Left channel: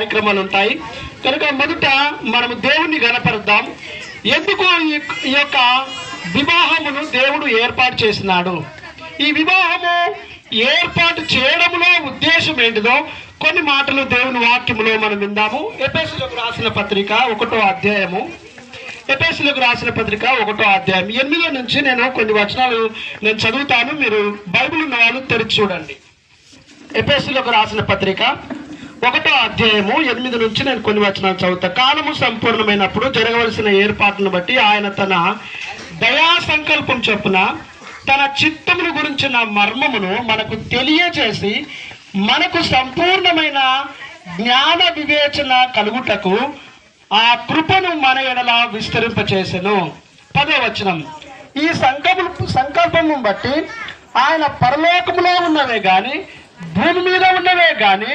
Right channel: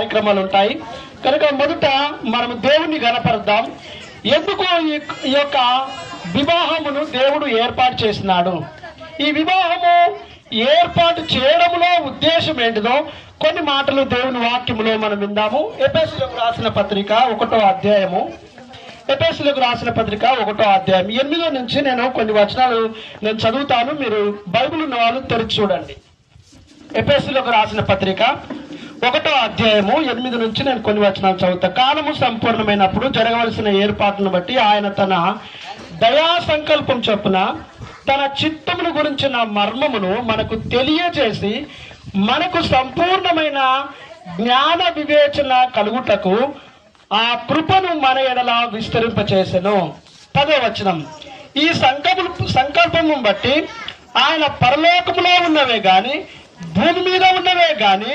కార్యక్రమాలు ఉంటాయి. కనుక మొదట మనము దేవుణ్ణి గణపరుద్దాం. ఎందుకు ఈ యొక్క వివాహమును దేవుడు ఏర్పాటు చేసినాడు, ఈ వివాహము ఏర్పాటు చేయడంలో ఉద్దేశం ఏంటిదో కొన్ని మాటలు దేవుని వాక్యములో మనం విందాము. ఎఫెసీయులకు రాసిన పత్రిక 1వ అధ్యాయము, ఎఫెసీయులకు రాసిన పత్రిక 1వ అధ్యాయం 8 నుంచి నేను కొన్ని వచనాలు నేను చదువుతాను. మీరు బైబిల్ ఉన్న వాళ్ళు తెరిచి చూడండి. ఎఫెసీయులకు రాసిన పత్రిక 1వ అధ్యాయము 8 నుంచి నేను కొన్ని వచనాలు చదువుతాను. కాలము సంపూర్ణమైనప్పుడు జరగవలసిన ఏర్పాట్లను బట్టి ఆయన తన దయా సంకల్పం చొప్పున తన చిత్తమును గురించిన మర్మమును మనకు తెలియజేసి మనకు సంపూర్ణమైన జ్ఞాన వివేచన కలుగుటకు ఆ కృపను మన ఎడల విస్తరింపచేసెను. 10వ వచనం, ఈ సంకల్పము బట్టి ఆయన పరలోకములో ఉన్నవే గాని భూమి మీద ఉన్నవే గాని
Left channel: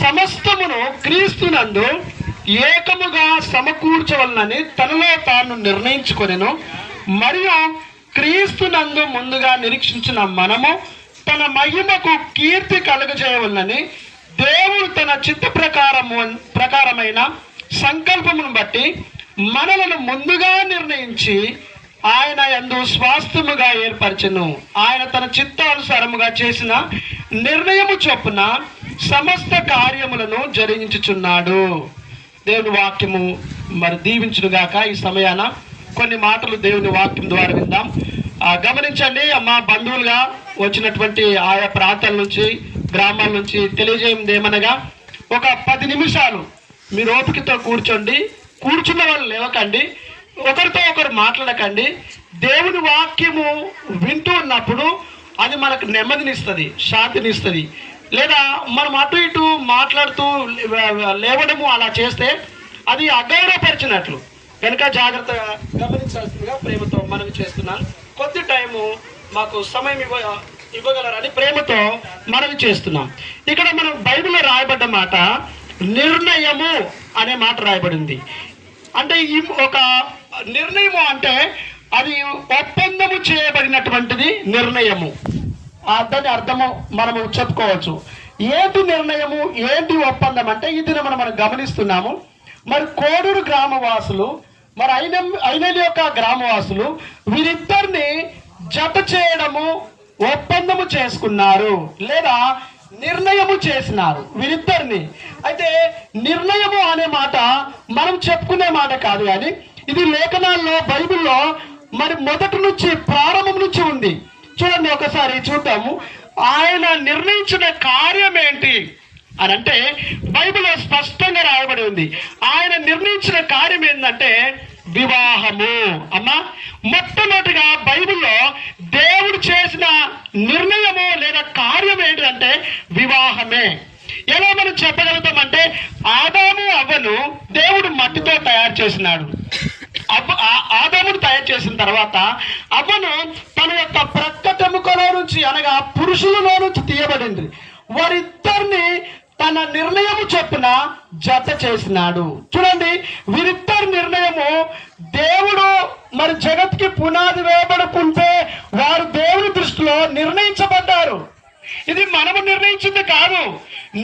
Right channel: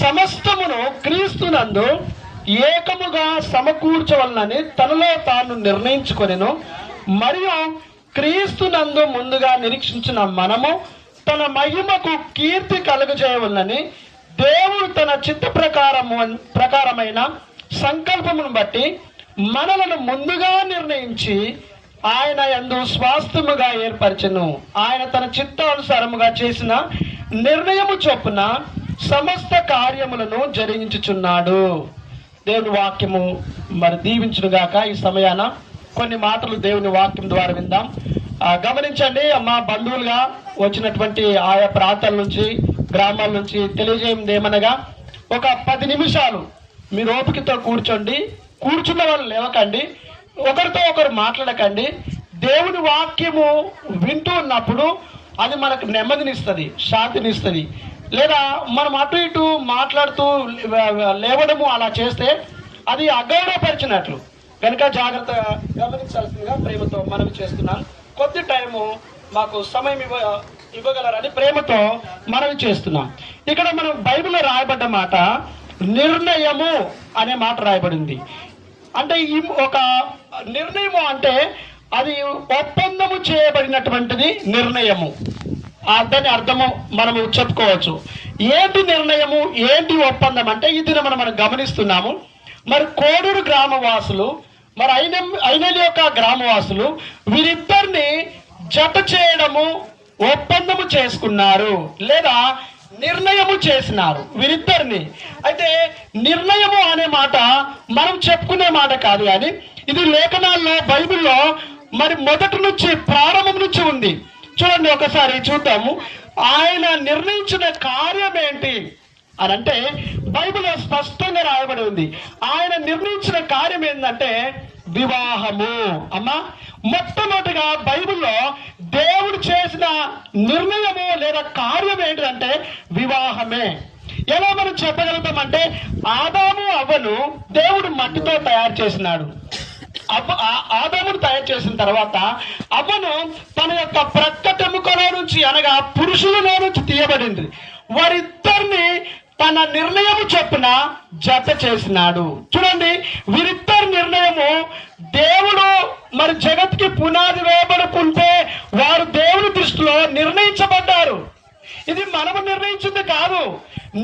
సమస్తమును క్రీస్తునందు ఏకముగా సమకూర్చవలనని తనలో తాను నిర్ణయించుకొనెను. మరియు క్రీస్తునందు ముందుగా నిరీక్షించిన మనము తన మహిమకు కీర్తి కలుగజేయవలనని దేవుడు తన చిత్త ప్రకారమైన సంకల్పమును బట్టి మనలను ముందుగా నిర్ణయించి ఆయన యందు స్వాస్థ్యముగా ఏర్పరచెను. ఆయన తన చిత్తానుసారముగా చేసిన నిర్ణయము చొప్పున సమస్త కార్యములను జరిగించుచున్నాడు. దేవుని వాక్యము మరి దీవించునుగాక. ఈ సమయాన కొన్ని మాటలు దేవుని వాక్యం ద్వారా విందాం. గమనించండి అమ్మా, బంధువులుగా వచ్చినటువంటి ఆయా ప్రాంతాల నుంచి గ్రామాల నుంచి తెలియజేయండి ఏమనగా, ఒక 10 నిమిషాలు మీరు ఓపికతో కూర్చోండి. కూర్చున్న వాళ్ళు లేవకండి, ఒకరితో ఒకరు మాట్లాడకండి. దేవుని వాక్యము వింటూ ఉన్నప్పుడు అది మనకు నెమ్మదినిస్తుంది, శాంతినిస్తుంది. లేదా మనం అటు ఇటు మాట్లాడుతూ లేవడము అలా చేస్తే అది అగౌరవపరిచినట్లు. కనుక జాగ్రత్తగా గమనించాల్సిందిగా ప్రేమతో మనవి చేస్తున్నాను. కొద్ది టైము మాకు సమయం ఇవ్వగలరని ప్రేమతో మనవి చేస్తున్నాం. ఇక్కడ మనం బైబిల్లో రాయబడ్డ మాట నిర్ణయము అనే మాట రాయబడింది. అంటే ఈ ఒక నిర్ణయము అంటే అది ఒప్పందము చేయబడినటువంటిది నిర్ణయము. దాని అర్థము మనము చెప్పుకోవచ్చు. ఏంటి నిర్ణయము, ఏంటి ఒప్పందం అంటే ఇది మనం గమనిస్తున్నాము. మరి కోడూరు గ్రామవాసులు, మరి ఐనేలి యొక్క గ్రామవాసులు వీరిద్దరిని జత చేయడము, ఒప్పందము చేసుకున్నారు లేదా నిర్ణయము చేసినారు వీరిద్దరిని. అయితే నిర్ణయము అనే మాట మనం చెప్పుకునే మాట కాదు, కానీ ఇది లేఖనాల్లో బైబిల్లో మరి మొదటి నుంచి ప్రారంభం నుంచి ఉంది. చూడండి, ఒకసారి చూద్దాము. ఆయన నిర్ణయించిన కార్యం ఏంటి అని అంటే బైబిల్లో స్పష్టంగా రాయబడి ఉంది. ఆయన నిర్ణయించిన కార్యం ఏంటంటే వివాహము. అమ్మా, మొట్టమొదటిగా బైబిల్లో దేవుడు చేసిన నిర్ణయము లేదా కార్యం ఏంటంటే వివాహమే. ఎలా మనం చెప్పగలుగుతామంటే ఆదాము అవ్వను దేవుడు మట్టితో తయారు చేసినాడు. ఆదామును తయారు చేసిన తర్వాత అవ్వను తన యొక్క ప్రక్కటెముకలో నుంచి అనగా పురుషులలో నుంచి తీయబడింది. వారిద్దరిని తన నిర్ణయము చొప్పున జత చేసినాడు. చూడండి, వీరిద్దరి నిర్ణయము దేవుడు మరి జగత్కి పునాది వేయబడుకుంటే వారు దేవుని దృష్టిలో నిర్ణయించబడ్డారు. ఇది మనము నిర్ణయించింది కాదు,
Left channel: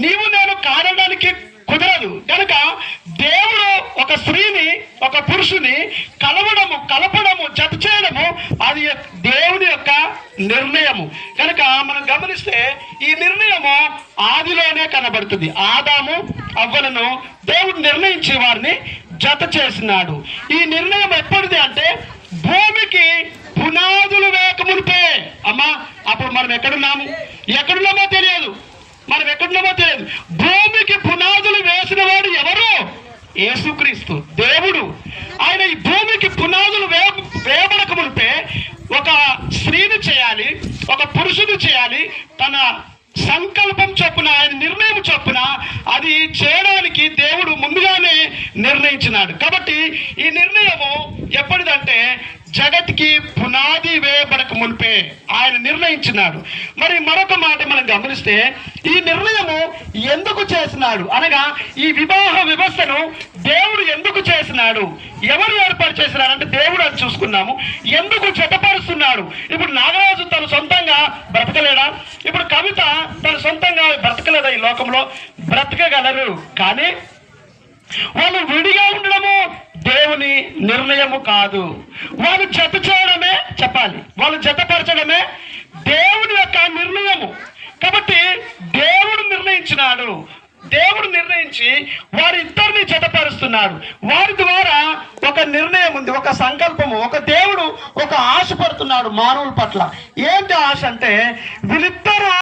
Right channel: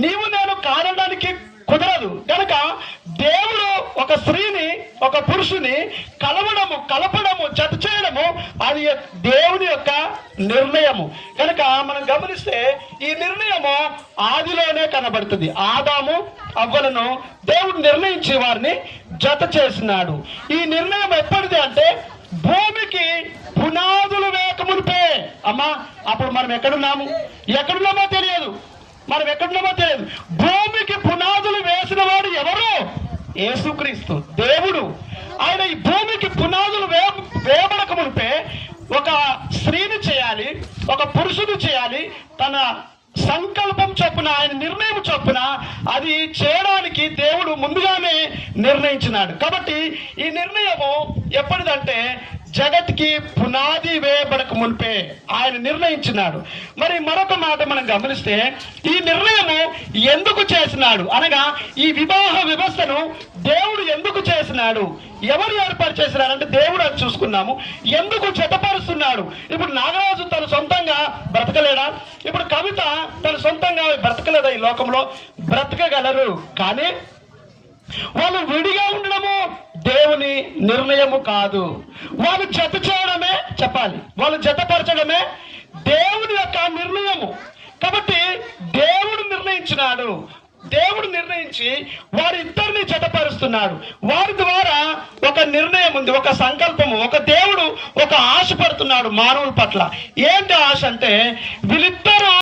నీవు నేను కానడానికి కుదరదు. కనుక దేవుడు ఒక స్త్రీని ఒక పురుషుని కలపడము జత చేయడము అది దేవుని యొక్క నిర్ణయము. కనుక మనం గమనిస్తే ఈ నిర్ణయము ఆదిలోనే కనబడుతుంది. ఆదాము అవ్వలను దేవుడు నిర్ణయించి వారిని జత చేసినాడు. ఈ నిర్ణయం ఎప్పటిది అంటే భూమికి పునాదులు వేయకమునిపే. అమ్మా, అప్పుడు మనం ఎక్కడున్నామో తెలియదు. భూమికి పునాదులు వేసిన వాడు ఎవరు? యేసుక్రీస్తు దేవుడు. ఆయన ఈ భూమికి పునాదులు వేయబడక మునిపే ఒక స్త్రీని చేయాలి, ఒక పురుషుని చేయాలి. తన సంకల్పం చొప్పున, ఆయన నిర్ణయం చొప్పున అది చేయడానికి దేవుడు ముందుగానే నిర్ణయించినాడు. కాబట్టి ఈ నిర్ణయము ఎప్పటిదంటే జగత్కి పునాది వేయబడక మునిపే ఆయన నిర్ణయించినాడు. మరి మరొక మాట మనం గమనిస్తే ఈ నిర్ణయము ఎందుకు చేసినాడు అనగా ఈ వివాహ వ్యవస్థను దేవుడు ఎందుకు చేసినాడు, ఎవరు ఏర్పాటు చేసినారంటే దేవుడు అని చూసుకున్నాము. ఎందుకు జతపరుస్తున్నాడు? ఇప్పుడు నాగరాజు తన సొంతంగా బ్రతకలేడా? ఇప్పుడు కవిత తన సొంతంగా బ్రతకలేదా? ఈ లోకంలో బ్రతకగలరు, కానీ వాళ్ళు విడిగా ఉండడము దేవుని నిర్ణయము కాదు. వాళ్ళు జత చేయడమే, చెప్పాలి, వాళ్ళు జతపరచడమే దేవుని యొక్క నిర్ణయము. కాబట్టి దేవుడు నిర్ణయించినాడు, దేవుడు నిర్ణయించి వారిద్దరిని జతపరుస్తున్నాడు. వారి ద్వారా ఒక నిర్ణయం ఉంది, ఒక సంకల్పము, ఒక దేవుడు ఒక ఆశ పడుతున్నాడు మానవుల పట్ల. ఏంటి ఆశ అంటే వీళ్ళిద్దరు